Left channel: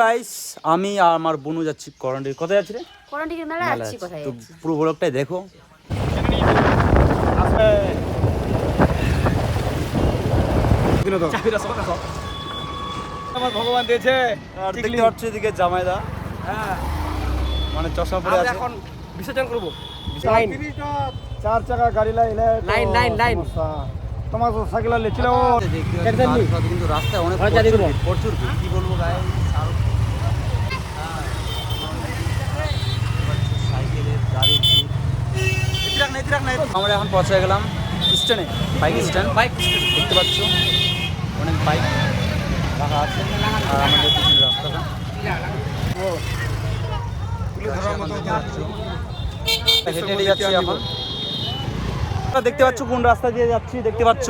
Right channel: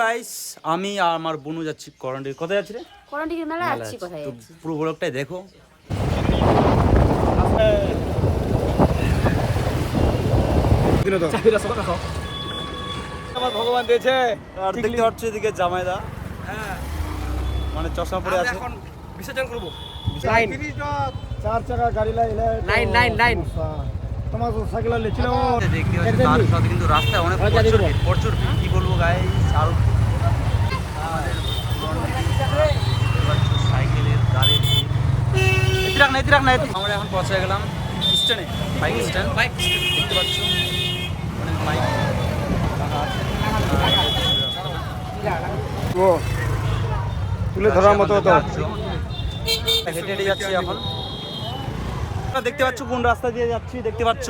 Guys আমি আর আমার বোনু যাচ্ছি করণডিগি। কোথায় যাচ্ছি রে? করণডিগির মেলা যাচ্ছি। কোথায় তো যাচ্ছি? পুরো ব্লগটাই দেখো। আমার ভগবান দিয়েছে আর দেখতে পাচ্ছ এদিকে জামাইদা, হ্যাঁ মানে চশমা পরে আছে। এখন বিসর্জন করব। লাইন 4 চাকা গাড়ি লাইন তোমার সাইকেল লেছিল দেখতে পাচ্ছ তার সাথে কিন্তু রাস্তায় অনেক প্রচুর কি বলবো গাইস, আর সাইকেলের গাড়ি আমরা এখন পৌঁছে গেলাম স্ট্যান্ডে, বাইক স্ট্যান্ড। দেখতে পাচ্ছ অনেক বাইক রাখা আছে আর আমাদের পিছনের রাস্তাটা তুলে ধরার মতো তো হেঁটে হেঁটে যাচ্ছি এখন। দেখতে পাচ্ছ কোন রাস্তা দিয়ে যাচ্ছি, দেখতে পাচ্ছ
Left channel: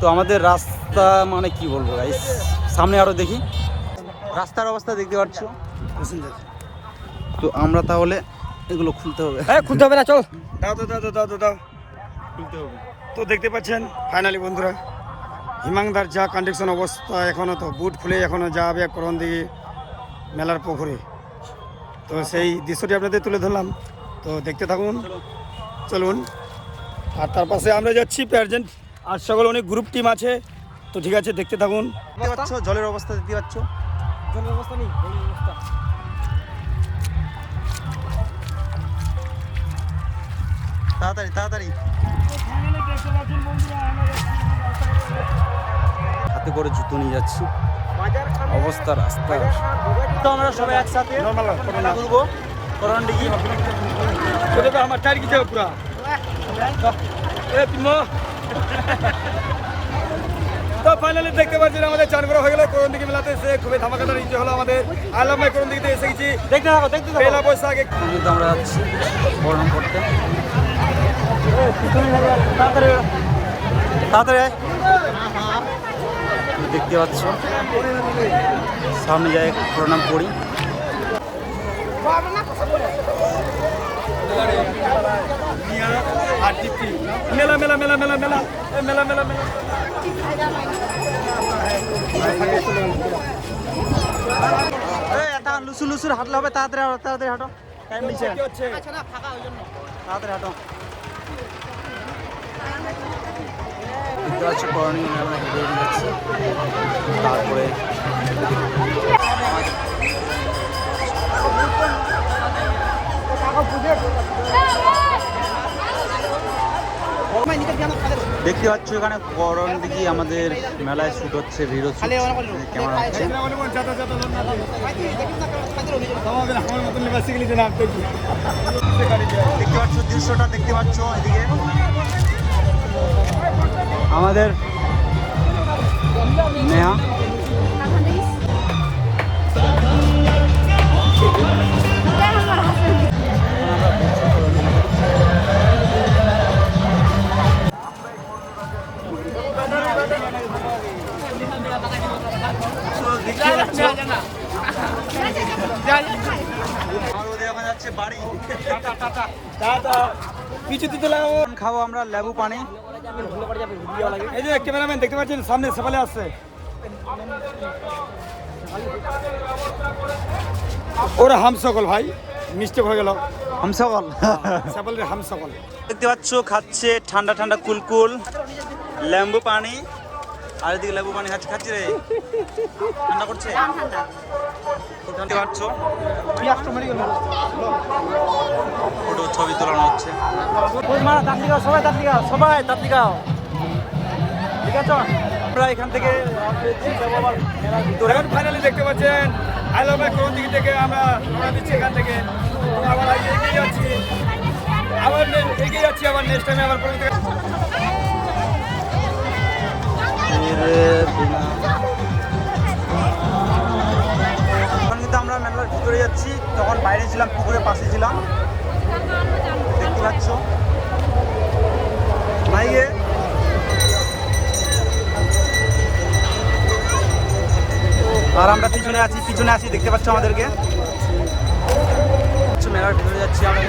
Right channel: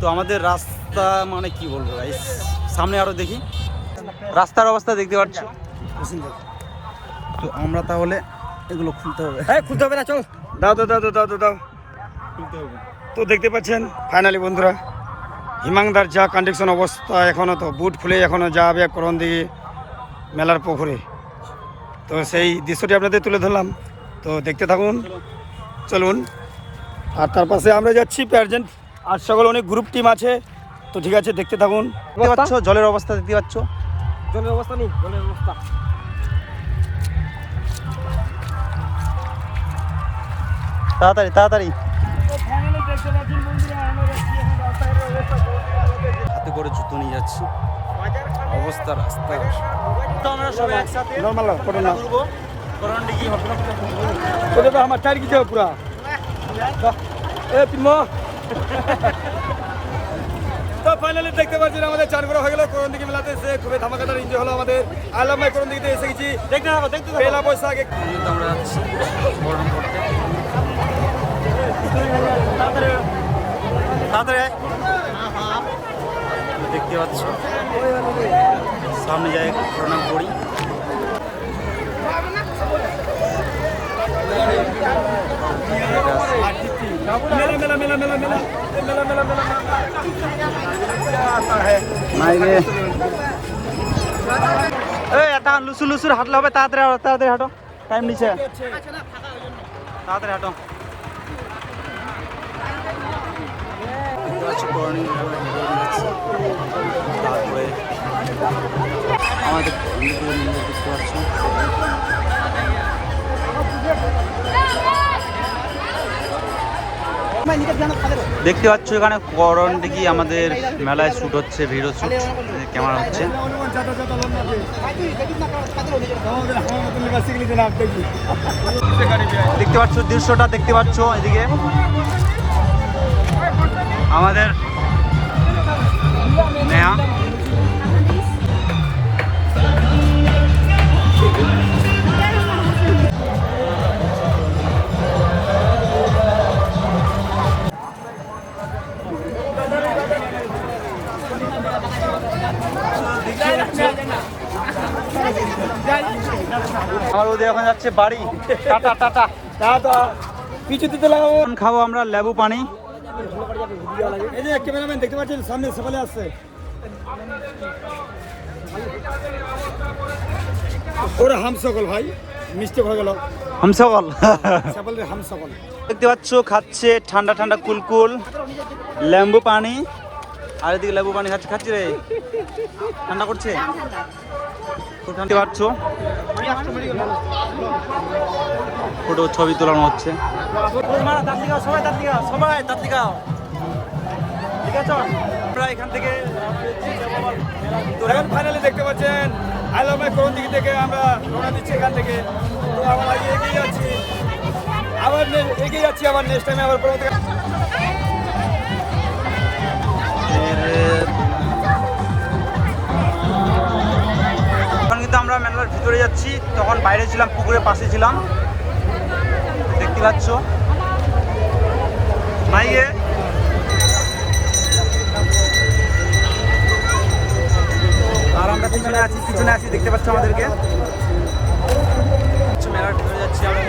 তো আমাদের রাস্তা মানে কি বলবো গাইস, সামনে আরো দেখি রাস্তার অবস্থা দেখতে পাচ্ছ। তো আমরা তাহলে এগুলো খুলতে হবে। খুলতে হবে না, চল দাও খুলতে হবে। তো দেখতে পাচ্ছেন ফাইনালি বন্ধুরা হিমাংদার যা কন্ডিশন অবস্থা, এখনো তো বুট খুলে এখনো যাবে করণদিঘি মেলার পুকুরে। তো সেই দৃশ্যটি আপনাদের তুলে ধরলাম, তো দেখতে থাকুন, চলুন। আর তার পাশে আমরা যাচ্ছি প্রেজেন্ট, আর সকল অনেক গ্রুপ টিম আছে, তো ঠিক আছে দেখতে থাকুন। দেখতে পাচ্ছ জলের অবস্থা, দেখতে পাচ্ছ জলের অবস্থা নেই, জলের অবস্থা তাড়াতাড়ি তাড়াতাড়ি হাতে করে জুতো নিয়ে যাচ্ছি, অবস্থা রাস্তা। তো আমরা সবাই একসাথে ঘুরবো করণডিঘি। আমার টায়ার কি পুরা তো ফাইনালি দেখতে পাচ্ছেন আমাদের চানপুরা হয়ে গেল করণদিঘি মেলাতে এসে খুবই ধামাকাদার এনজয় হলো আমাদের। আল্লাহ ভাই করণদিঘিতে এসে গেছি, পয়লা বৈশাখ কিন্তু আমরা যাচ্ছি প্রণাম করতে। তাড়াতাড়ি দেখতে পাচ্ছ সামনে যাই প্রণাম করি। মেলা মেলা মেলা মেলা মেলা মেলা মেলা মেলা এটা লুসুর লুসুর হাঁটলে হবে, তাড়াতাড়ি তাড়াতাড়ি হাঁটো, টাইম নিচ্ছে, তাড়াতাড়ি হাঁটো। দেখতে পাচ্ছ করণীয় আমরা হেঁটে হেঁটে যাচ্ছি, তারপরে আমাদের দেখতে পাচ্ছ দেখতে পাচ্ছ এখানে করণদিঘি আমাদের মেলায় শ্যুট হচ্ছে, ভিডিও শ্যুট ক্যামেরা হচ্ছে। দেখতে পাচ্ছ দৃশ্যটা, দেখতে পাচ্ছ এদিকে আমাদের নেহা। আমার ওদের এখন যাচ্ছে বাড়ি, টাটা টাটা। পিছু দিতে লাগাবো, খাবো আমরা লেবু পানি। এই যে ক্যামেরাম্যান দেখতে পাচ্ছেন সামনে সকালে আসছে, ওরা হাম সকল ভাই মিস্টেক হয়ে গেল, হামসকল হাম সকল। দেখতে পাচ্ছ খাচ্ছে ঠান্ডা ঠান্ডা কুলকুল লেবু পানি, আর এদিকে লেবু পানি খাচ্ছি রে, ঠান্ডা করছে। দেখতে পাচ্ছ ফটো ছবি তোলানো হচ্ছে। সবাই তাত্লিকাও ঠিক আছে। আমরা এখান থেকে ফাইনালি দেখতে পাচ্ছেন আইলাম করণদিঘি থেকে আমরা রওনা দিচ্ছি এখান থেকে, তো আবার এগিয়ে যাচ্ছি, আবার নেক্সট টাইমে আবার করতে। এখন কিন্তু আমরা মেলার ভিতরে যাচ্ছি, তখন বাইরে ছিলাম, পুকুরের পাশে ছিলাম, দেখতে পাচ্ছ মাইকে। আর আমরা পিছনে আছি দেখতে পাচ্ছ আমাদেরকে। মেলার ভিতরে যাচ্ছি আমরা।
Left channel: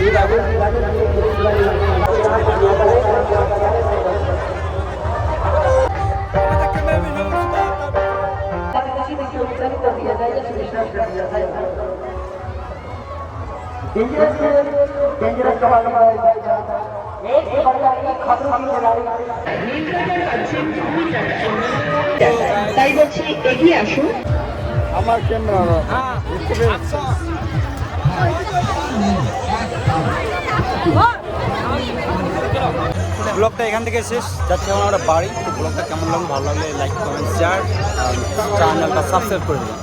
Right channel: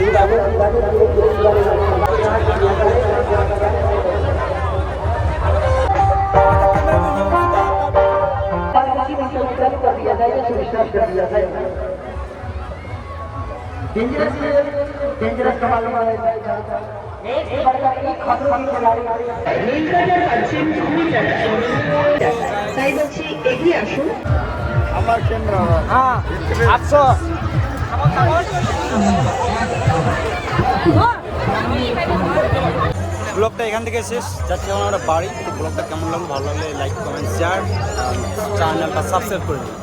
তাই বলছি এগিয়ে আসুন। ব্লগটা এখান থেকে শেষ, যাচ্ছি এখন আমরা বাড়ি। তো ব্লগটা কেমন লাগলো, ভালো লাগলে লাইক কমেন্ট শেয়ার চ্যানেলটা সাবস্ক্রাইব করে দেবেন।